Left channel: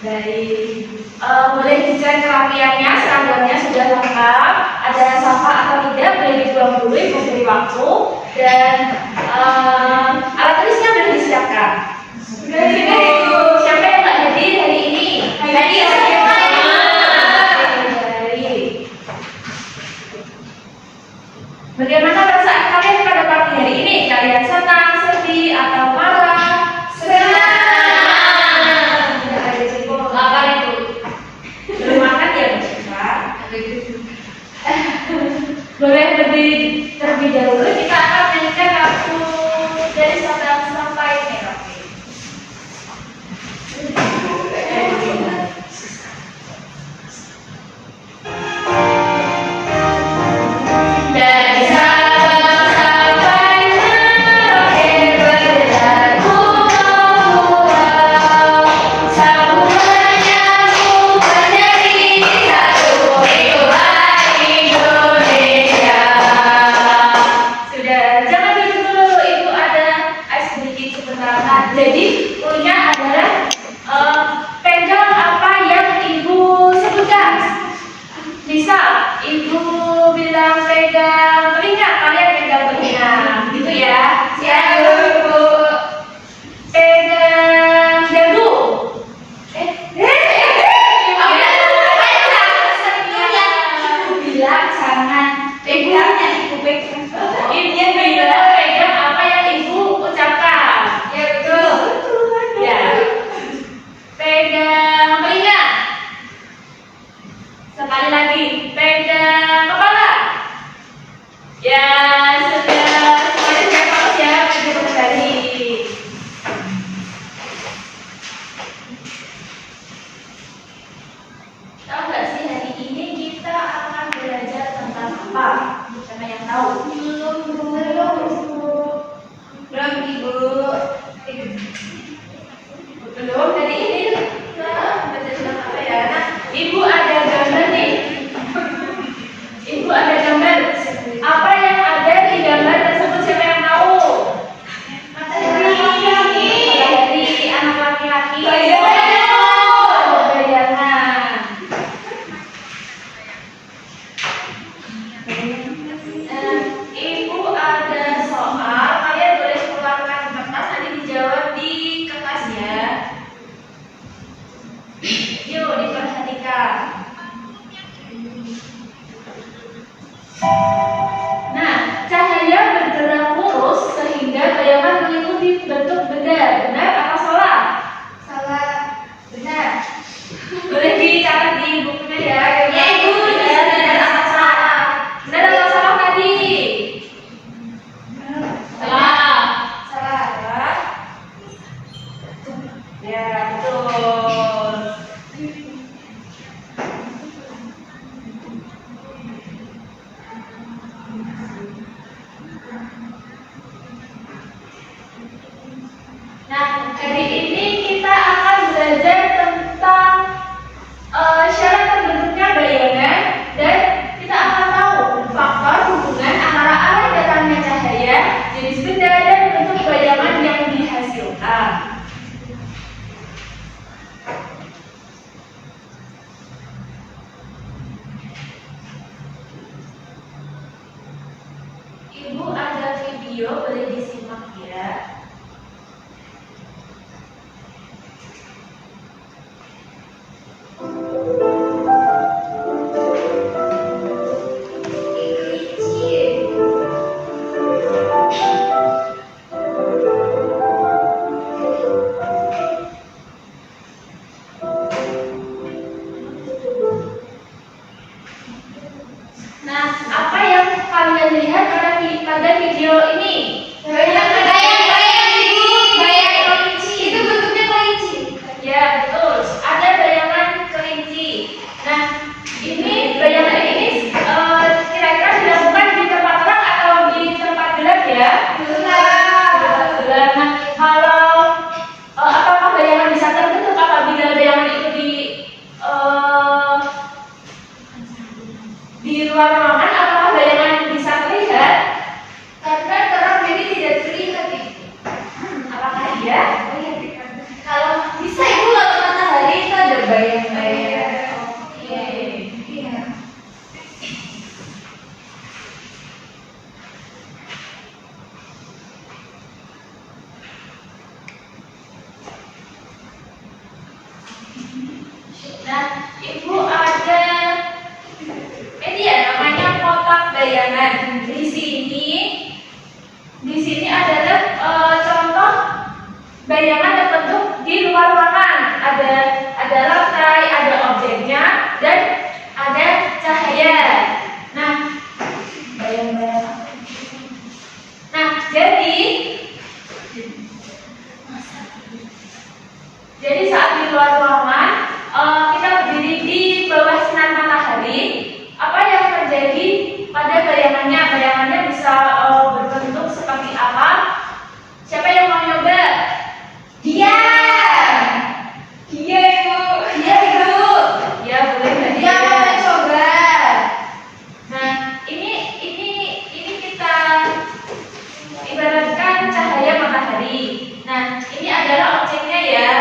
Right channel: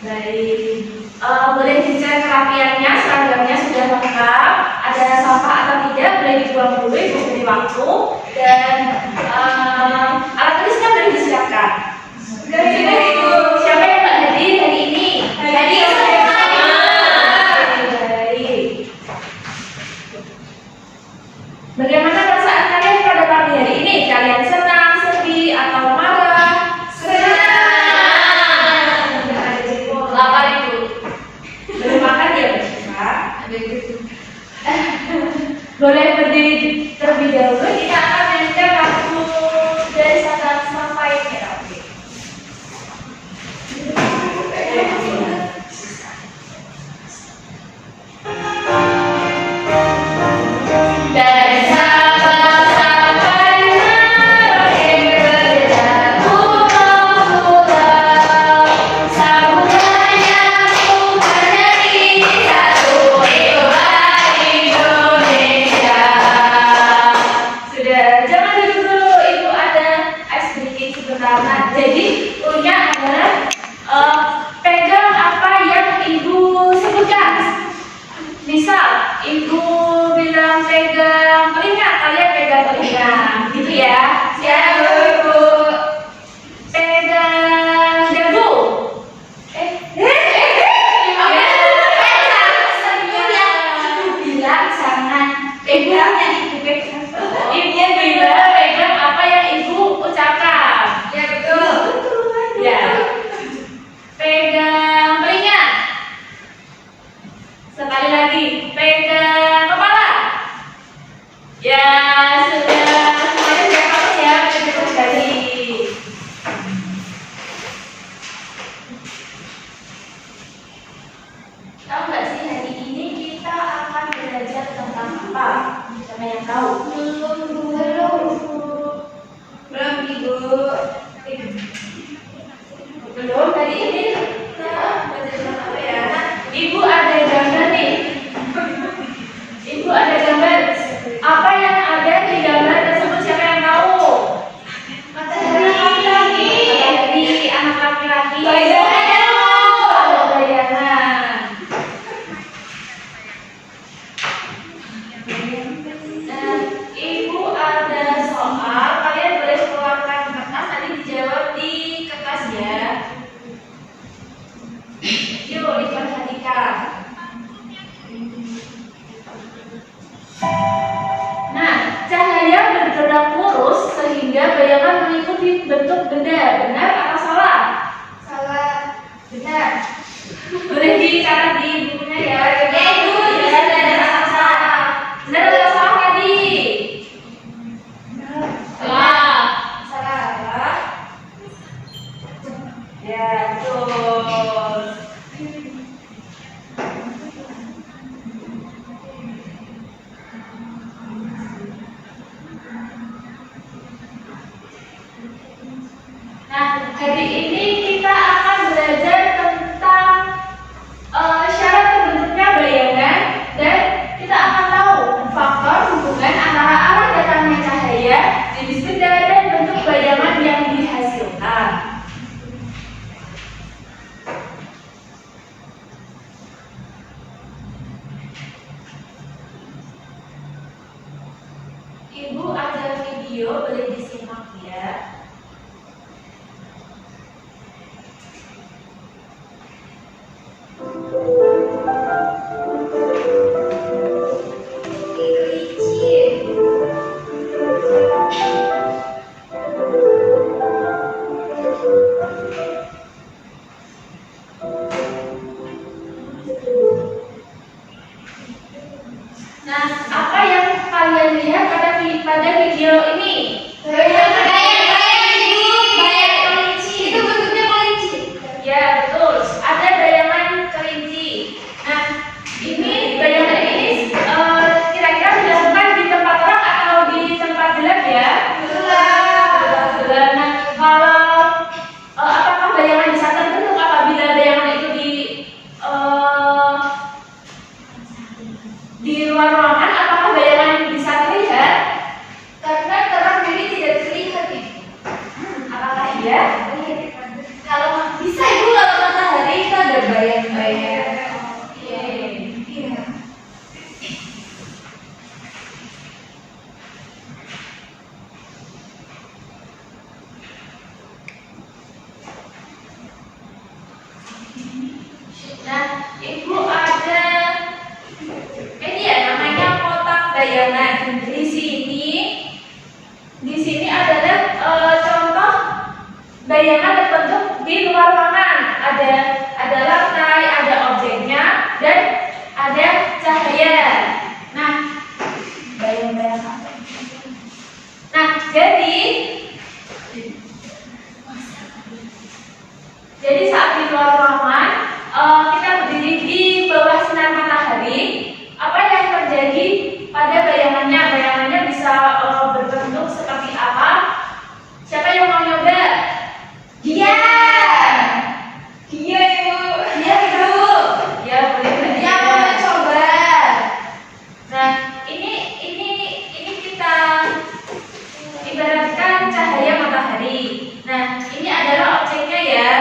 Dari boleh dicek kerapiannya, seragamnya sudah lengkap, ada sampah atau tidak, boleh dibuang dulu, Ibu beri waktu, dan alat tulisnya boleh disiapkan. Sudah Ibu. Siapa yang nggak hadir hari ini? Hadir semua. Bagaimana perasaan kalian pada pagi hari ini? Kalian senang, sedih, atau marah? Boleh berdiri terlebih dahulu, kita akan menyanyikan lagu dari Sabda sampai Merapi. Dari Sabang sampai Merauke berlaku pulau, samudanya menjadi satu, itulah Indonesia. Sudah, jangan dulu, Ibu ada sedikit sebentar. Jadi punya adalah pegang apa yang Ibu sebutkan. Misal Ibu bilang pegang telinga, kalian pegang telinga, gitu ya. Siap Ibu. Pegang dagu. Bilang jangan pegangnya Ibu pegang. Ibu bilang pegang apa yang Ibu ucapkan. Ya betul. Ya. Pegang telinga. Sekali lagi, pegang kepala. Ya sudah, semuanya sudah fokus ya, cukup sekali. Tahu nggak sih hari ini kita akan belajar tentang apa? Siapa yang tahu? Belum Ibu. Belum hari ini. Belajar tentang apa ya? Ibu ada gambar nih. Ibu ada gambar. Apa yang ada di gambar tersebut siapa yang tahu? Matahari laki-laki. Matahari anak laki-laki. Ibu ada soal, kalian boleh keluarkan kertas, nanti dijawab di kertas ya. Yuk diperhatikan. Nah, cahaya bergerak lurus sehingga bayangan mengikuti bentuk benda. Benar atau salah? Salah. Benar. Boleh dicatat di bukunya ya. Ya Ibu. Ya, benar atau salah? Benar atau salah tadi? Salah. Salah. Ya, betul. Nah, hari ini kita akan belajar tentang syarat terbentuknya bayangan, dan kita akan tahu faktor hubungan antara arah datangnya cahaya, jenis benda, dan bentuk bayangan yang dihasilkan. Ibu ada video, boleh disimak ya. Nah, apa yang kalian lihat pada video ini? Bayang Ibu, bayang kelinci. Itu bentuknya kelinci. Ya betul, ada bayangan kelinci. Nah, ini bayangan ini kira-kira dilakukan di tempat terang atau di tempat gelap ya? Gelap. Nah, kalau apakah bayangan bisa terbentuk apabila bayangan itu di luar ruangan? Apakah bayangan bisa terlihat? Karena terang jadi tidak terlihat Ibu. Apakah iya? Kalau bisa Ibu, kalau matahari itu ada bayangan terbentuk di luar ruangan. Ada lantai, ada objeknya, dan ada cahaya. Nah, bayang-bayang apa? Nah, jadi saat di luar ruangan kita berdiri di bawah sinar matahari, apa yang terjadi pada bayangannya? Bayangannya bisa berbentuk seperti apa? Siapa yang mau nyoba? Dia Ibu. Ya, boleh Mbak Dia. Mau coba. Nah, ini kita ibaratkan cahaya matahari. Nah, ini adalah objeknya ya.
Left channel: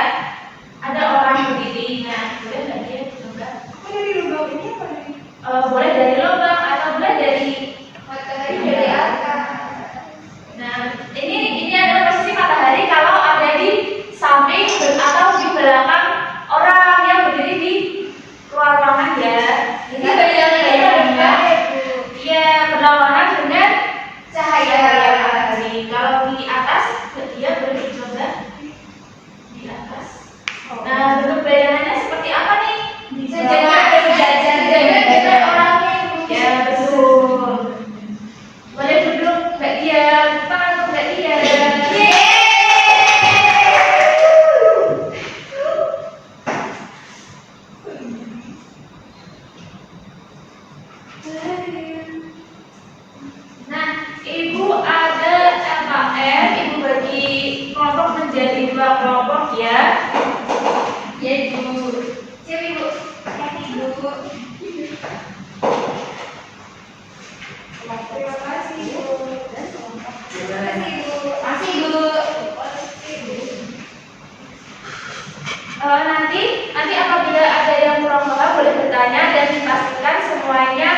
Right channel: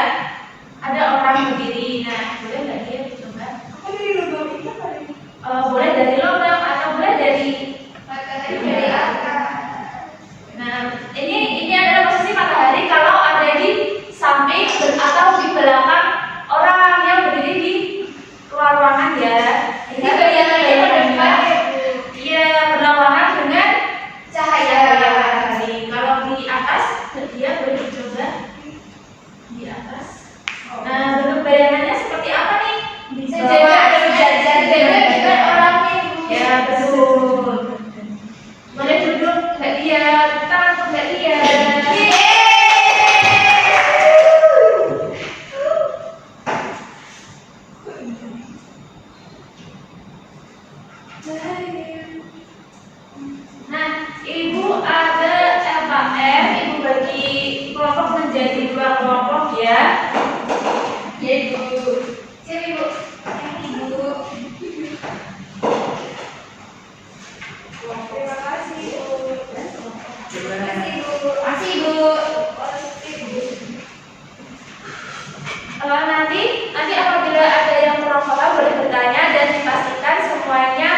Ada orang berdiri. Nah, boleh Mbak Dia coba? Apa dari lubang ini apa dari? Boleh dari lubang atau boleh dari Matahari dari atas. Nah, ini adalah posisi matahari kalau ada di samping atau di belakang orang yang berdiri di luar ruangan ya. Ini bayangannya berdepan ya Bu. Iya, berlawanan dengan Cahaya matahari. Kalau di atas, dia boleh dicoba di atas. Nah, bentuk bayangannya seperti apa nih? Sejajar dengan orangnya Ibu. Ya, betul. Boleh duduk Mbak Dia, tangan untuk Mbak Dia. Nah, Ibu ada LKM, Ibu bagi kelompok menjadi 2 kelompok ya. Ya Ibu. Sini Ibu. Ibu. Terima kasih Ibu. Terima kasih Ibu. Kasih Ibu. Nanti apabila ada yang kurang paham boleh bertanya dan dipastikan semuanya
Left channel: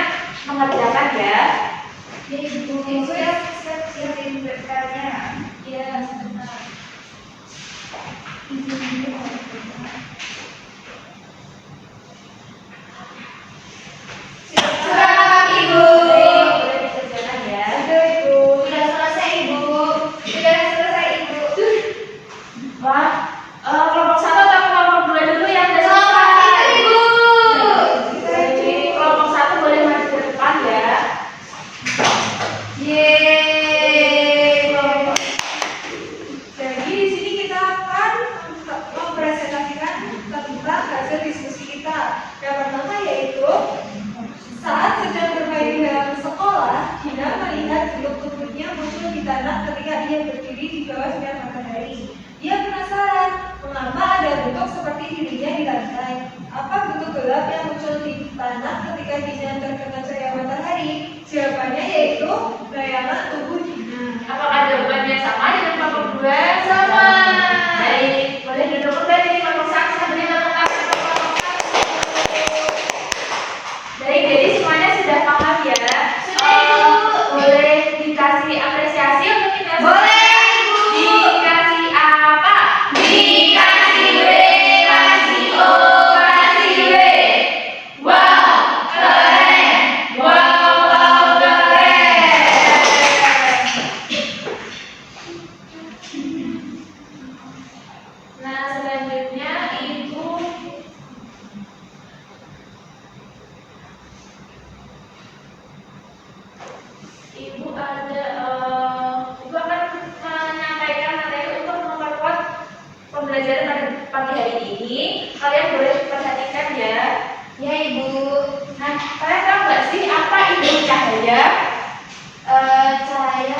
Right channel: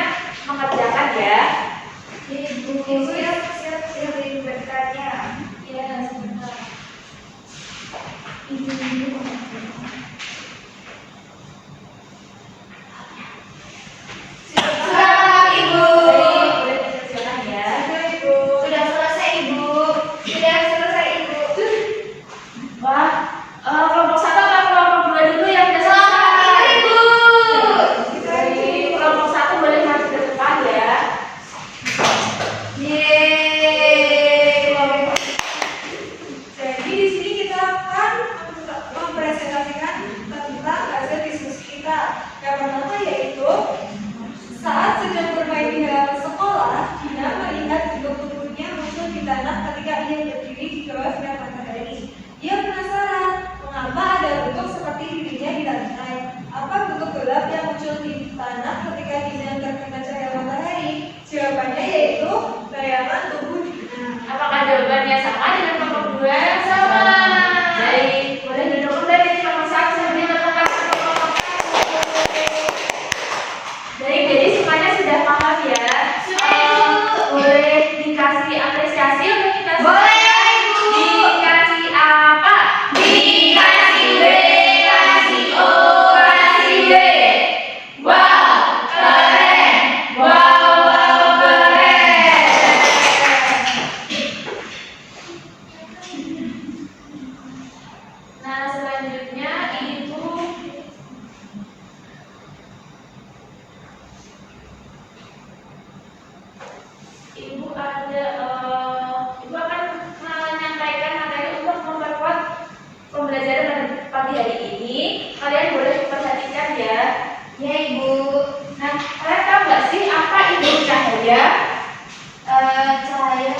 mengerjakan ya. Ibu. Siap ingin bertanya. Ya, sebentar. Selamat Ibu. Boleh dikerjakan ya. Sudah Ibu. Sudah selesai Ibu. Sudah selesai Ibu. Wah, kelompok 1 atau kelompok 2 dulu yang sudah Selamat selesai? Ibu. Jadi, kelompok 1 boleh maju ke depan ya. Yeay. Jadi di sini kita akan mempresentasikan tentang hasil diskusi kita. Yang pertama yaitu saat sedang bermain di dalam sekolah, Dina melihat bentuk tubuhnya muncul di tanah ketika ia berdiri di bawah sinar matahari. Ia penasaran mengapa ada bentuk seperti dirinya di lantai. Apa bentuk gelap yang muncul di tanah ketika Dina terkena cahaya matahari? Jawabannya yaitu bayangan tubuh Dina. Apakah jawabannya sama dengan kelompok 2? Sama. Baik, boleh duduk kembali di kelompok 1 sambil menetap pada kelompok 1. Baik, jadi semuanya sudah paham ya? Sudah, Ibu. Boleh dikasih apresiasi untuk kita semua? Boleh, Ibu. Dikasih apa? Dikasih W, kasih O, kasih W. Wow, keren. Wow, keren. Nah, selanjutnya Ibu akan menyampaikan materi untuk memperkuat pembelajaran pada pagi hari ini. Kalian boleh perhatikan ya. Ya Ibu. Nah, kalian tahu nggak sih apa itu cahaya? Cahaya.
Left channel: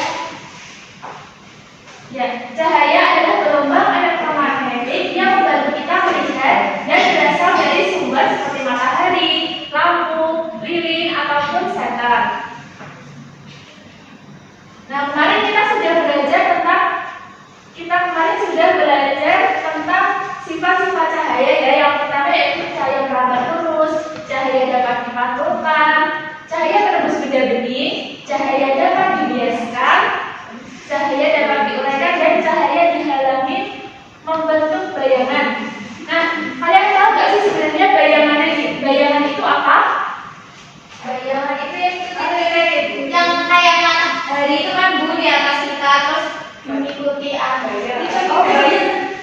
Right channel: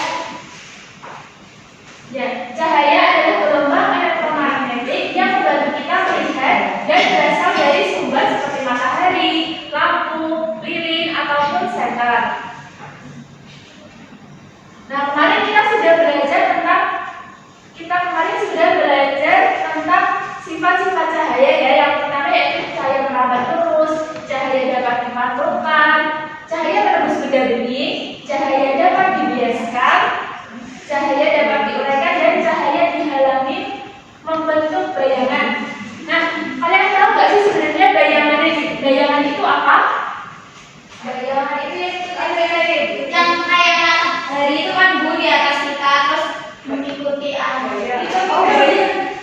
Ya, cahaya adalah gelombang elektromagnetik yang membantu kita melihat dan berasal dari sumber seperti matahari, lampu, lilin, ataupun senter. Nah, kemarin kita sudah belajar tentang sifat-sifat cahaya ya. Yang pertama yaitu cahaya merambat terus, cahaya dapat dimantulkan, cahaya tembus benda bening, cahaya dapat dibiaskan, cahaya dapat diuraikan, dan cahaya dihalangi membentuk bayangan. Nah, kalian tahu nggak sih sebenarnya bayangan itu apa? Bayangan itu yang kayak matahari itu kan Bu di atas kita terus mengikuti angin. Oh, bayangan.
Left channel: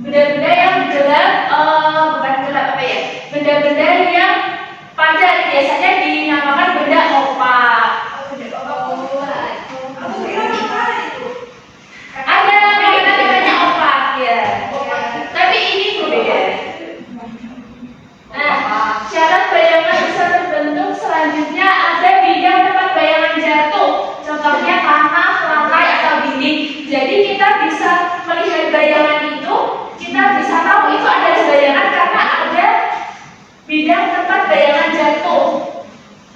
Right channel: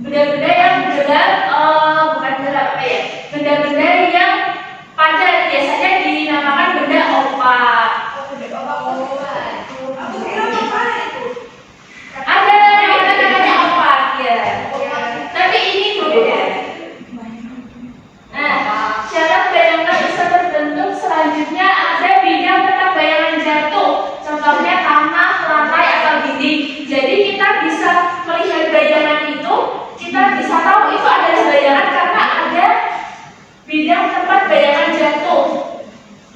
benda-benda yang gelap, bukan gelap apa ya? Benda-benda yang padat biasanya dinamakan benda opak. Aku kira apa itu? Ada namanya opak ya. Tapi ini berbeda. Nah, syarat bayangan bisa terbentuk selanjutnya ada bidang tempat bayangan jatuh. Contohnya tanah, lantai, atau dinding. Jadi kita bisa melihat bayangan itu, kita bisa tahu itu adalah bayangan karena ada bidang tempat bayangan jatuh.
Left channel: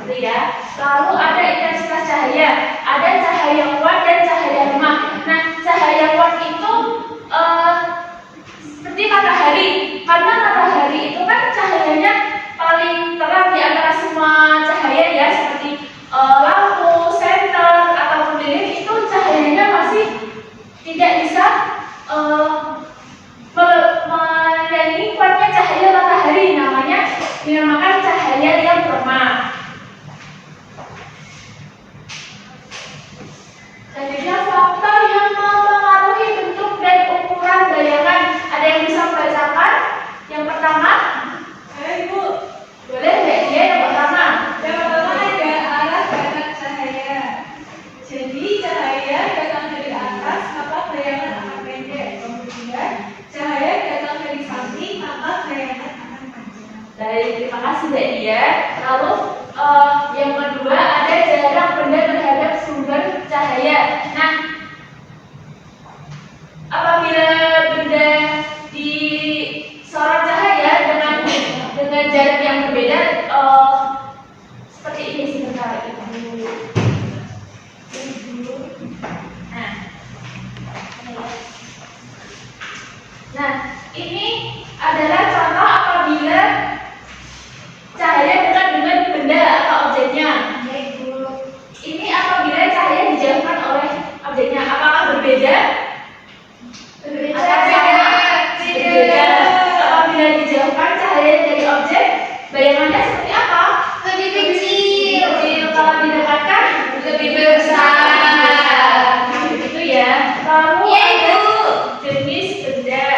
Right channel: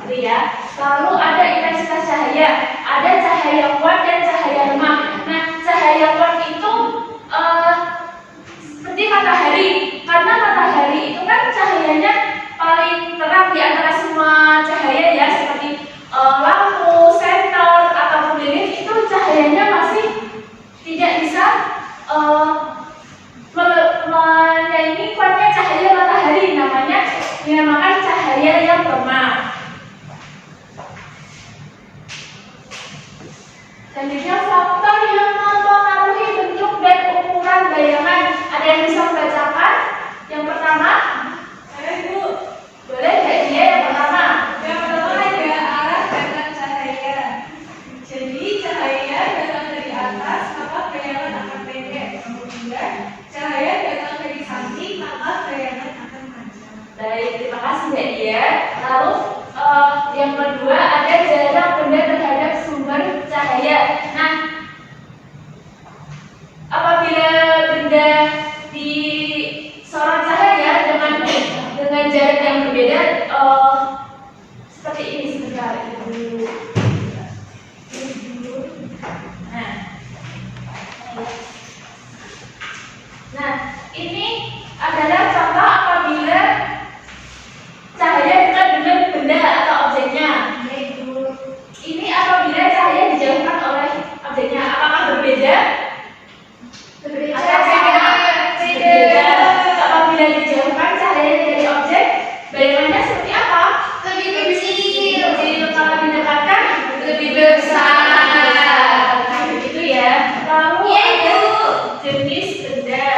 Gitu ya. Lalu ada intensitas cahaya, ada cahaya kuat dan cahaya lemah. Nah, cahaya kuat itu seperti matahari. Karena matahari itu kan cahayanya paling terang di antara semua cahaya ya, seperti lampu, senter, ataupun lilin itu cahayanya masih tidak bisa menyaingi kuatnya cahaya matahari, namanya dinamakan cahaya yang lemah. Selanjutnya faktor yang mempengaruhi bentuk dan ukuran bayangan. Ada yang bisa membacakan? Yang pertama, Ibu. boleh nggak dia yang pertama? Yang pertama ada arah datang cahaya. Jadi cahaya datang dari atas, maka bayangan akan pendek. Kemudian cahaya datang dari samping, maka bayangan akan panjang. Baik, terima kasih Mbak Dia. Lalu yang kedua ada jarak benda terhadap sumber cahaya. Nah, apabila benda disorot cahaya dengan jarak yang berbeda, seperti ini sebentar Ibu. Nah, ini adalah contoh apabila cahaya dekat dengan benda atau objeknya. Ini apabila cahaya dijauhkan oleh objeknya, apakah berbeda? Atau sama? Berbeda. Apabila dijauhkan cahaya dari objek, bayangannya seperti apa? Lebih kecil. Kalau didekatkan lebih besar. Begitu ya. Lalu ada jenis benda.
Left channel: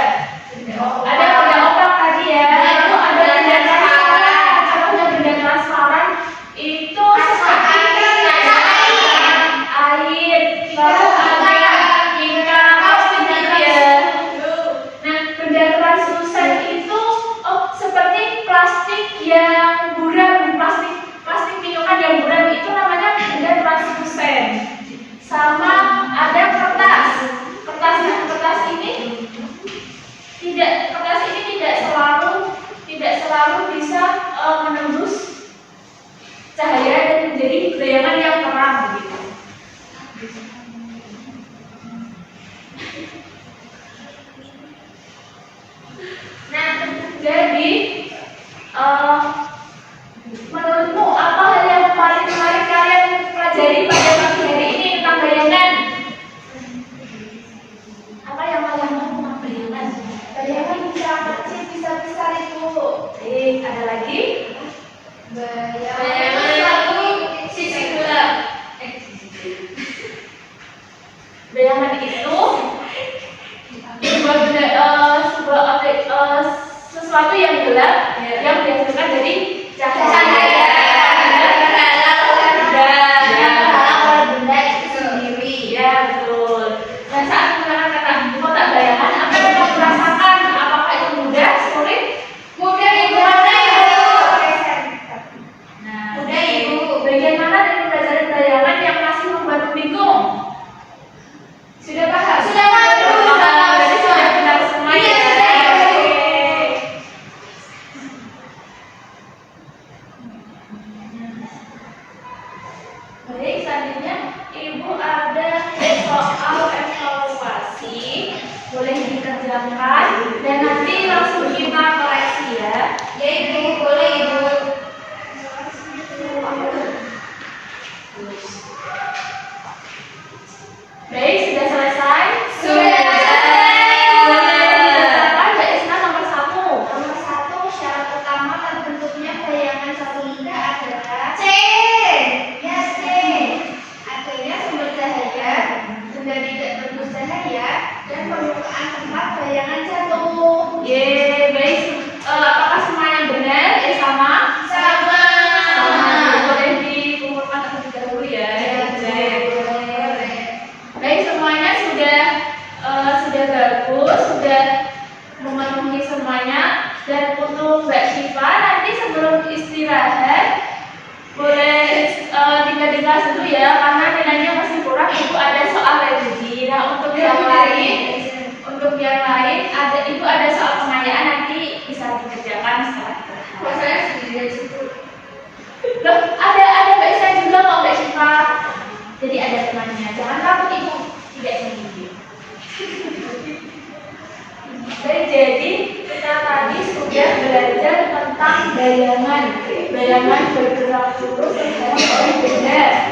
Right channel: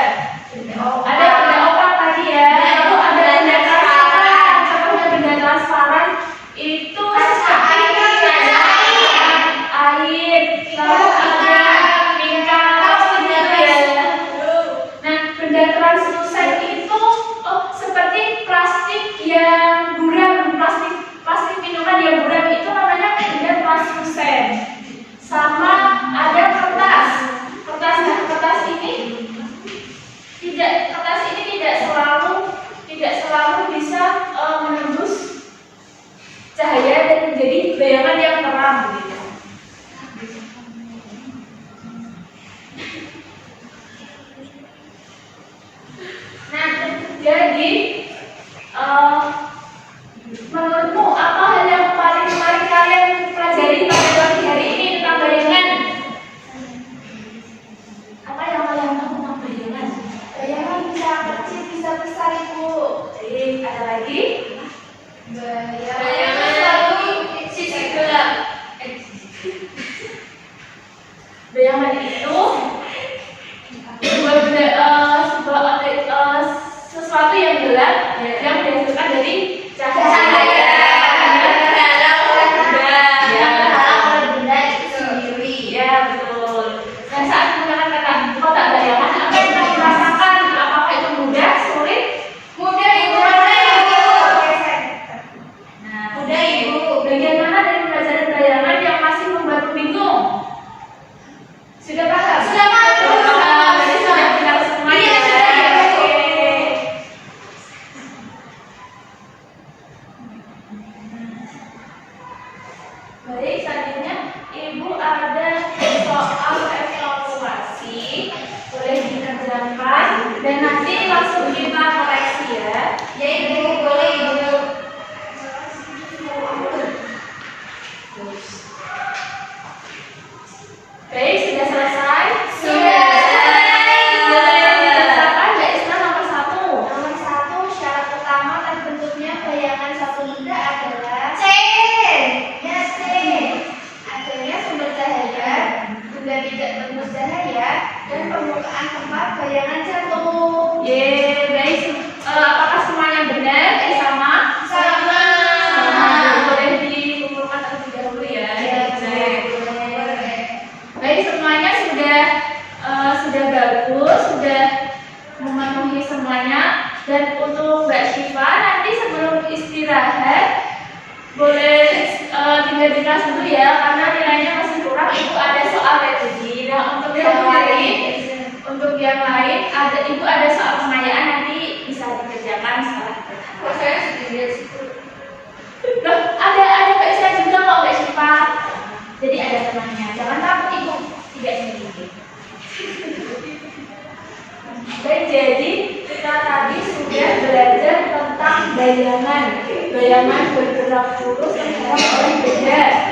Ada benda opak tadi ya. Lalu ada benda transparan. Contohnya benda transparan itu seperti air. Lalu ada lingkar plastik gitu ya. Nah, benda translucent itu seperti plastik yang buram, plastik minuman yang buram itu namanya benda translucent. Sama ada kertas. Kertas ini tidak selalu bisa menembus cahaya dan menjadi bayangan yang terang begitu. Nah, jadi menurutmu apa hal yang paling menarik kalian pelajari pada pagi hari ini tentang bayangan? Apa yang kalian tahu tentang bayangan? Bayangan bisa kecil, bisa besar Ibu. Ada lagi? Bayangan selalu sisi gelap. Bayangan itu sesuatu yang gelap yang dihasilkan dari cahaya. Ya, betul. Dan saat menggunakan kata kotak bayangan, apa yang kamu rasakan? Apakah itu mudah, sulit? Mudah Ibu. Nah, Mudah Ibu. bagian mana dari belajar bayangan yang masih membuatmu bingung? Sudah paham? Sudah paham. Berarti sudah kenal semua ya? Iya, sudah. Oke. Baik, selanjutnya Ibu ada soal evaluasi, boleh dikerjakan dan nanti langsung kita koreksi ya. Ya Ibu, boleh Ibu. Baik, sudah selesai? Sudah. Boleh dikerjakan Mbak Isna nomor 1. Nomor 1, syarat utama terbentuknya bayangan satu linda adalah C. ya C. Adanya sumber cahaya, benda tidak berbentuk cahaya, karena nilainya masih kurang, ibu ada soal religi. Nah untuk yang lain ada ibu ada soal pengayaan, nanti bisa dikerjakan setelah Kalau saya sendirian sih. loh, ada Mbak Isa juga kok Mbak Syifa. Jadi ada temannya. Jangan takut ibu tidak sendiri. Dan jadi kita tadi sudah belajar tentang bayangan bergerak lurus yang oleh benda.